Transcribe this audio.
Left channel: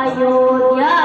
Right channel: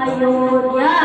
Ayodhya.